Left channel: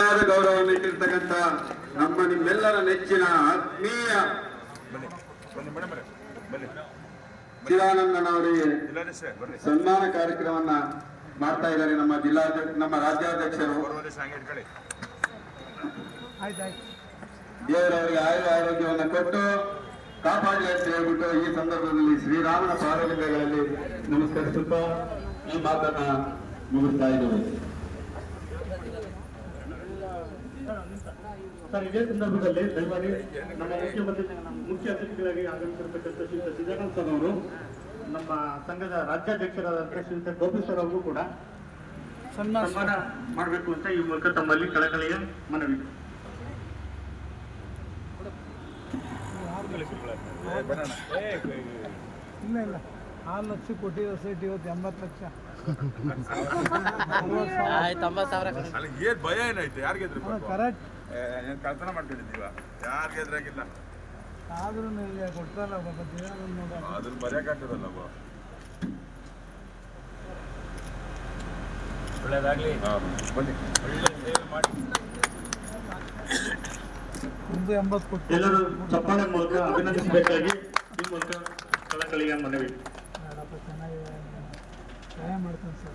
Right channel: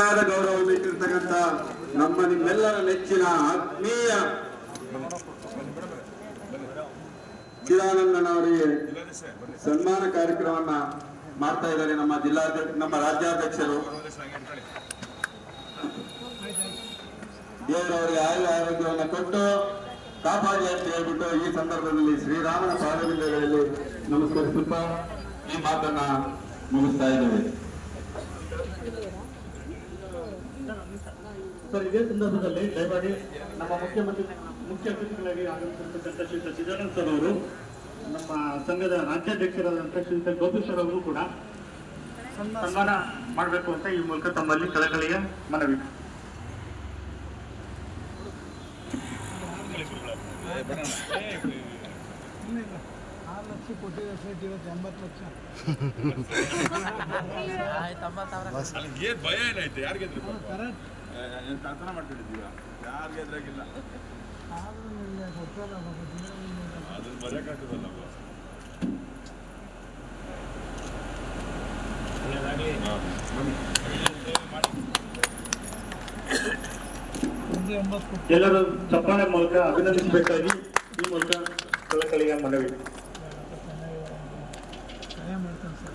ಗೌರವವನ್ನು ಇಟ್ಟಿರ್ತಕ್ಕಂಥ ನಮ್ಮ ನಿಮ್ಮೆಲ್ಲರ ನೆಚ್ಚಿನ ಆತ್ಮೀಯ ಚಿದಾನಂದನವರಿಗೆ ಸನ್ಮಾನ ಕಾರ್ಯಕ್ರಮವನ್ನ ಮಾಡ್ತಾ ಇದ್ದಾರೆ ನಮ್ಮ ರಾಜ್ಯಾಧ್ಯಕ್ಷರು. ದೇವರವರಿಗೆ ಆರೋಗ್ಯವನ್ನು ಕೊಟ್ಟು ಕಾಪಾಡಿ ಅಂತ ಹೇಳ್ಬಿಟ್ಟು ಈ ಸಂದರ್ಭದಲ್ಲಿ ಶ್ರೀರಾಮನ ಪಾದಗಳಲ್ಲಿ ನಮಸ್ಕರಿಸುತ್ತಾ ಈ ಮಾತನ್ನ ಮುಗಿಸ್ತಾ ಇದ್ದೇವೆ. ಸರ್, ಇದೇ ಸಂದರ್ಭದಲ್ಲಿ ದಯಮಾಡಿ ನಮ್ಮ ಮುಖ್ಯ ಅತಿಥಿಗಳಾಗಿ ಆಗಮಿಸಿರ್ತಕ್ಕಂಥ ಶ್ರೀ ಚಿದಾನಂದ ಸರ್ ಅವರು, ನಮ್ಮ ಸಂಘದ ರಾಜ್ಯಾಧ್ಯಕ್ಷರಾದಂತಹ ಶ್ರೀ ಗೋಪಿ ಸರ್ ಅವರು ಕೂಡ ಸನ್ಮಾನ ಮಾಡಬೇಕು ಅಂತ ಈ ಮೂಲಕ ತಮ್ಮಲ್ಲಿ ಕಳಕಳಿಯ ಮನವಿ. ಇಲ್ಲ 6 ಲಕ್ಷ ಕೊಟ್ಟಿರೋ ಸೀಟ್ ಇವತ್ತು 80 ಲಕ್ಷ. ಏನ್ ಭಯ ಏನಾಯ್ತು? ಯಾರು ಗೆದ್ರು? ಕರೆಕ್ಟ್ ಕಳ್ತನ ಮಾಡ್ಕೊಂಡಿದ್ದೀವ, ಯಾರು ಗೆದ್ರಾಗಿಲ್ಲ. ಆದ್ರೂ ನಿಮಗೆ ಕೊಡ್ತಾರ ಅದ್ರಲ್ಲಿ ಮರ್ಯಾಕಾಗ್ತದಲ್ಲ. ಒಳ್ಳೇದಾಗ್ಲಿ, ಬನ್ನಿ. ಎಲ್ಲರೂ ಚಪ್ಪಾಳೆ ಮೂಲಕ ಅಭಿನಂದಿಸಬೇಕಾಗಿ ಈ ಮೂಲಕ ಕಳಕಳಿಯ ಮನವಿ. ಚೆನ್ನಾಗಿ ಸಹಾಯ ಮಾಡ್ತಾನೆ ಸರ್.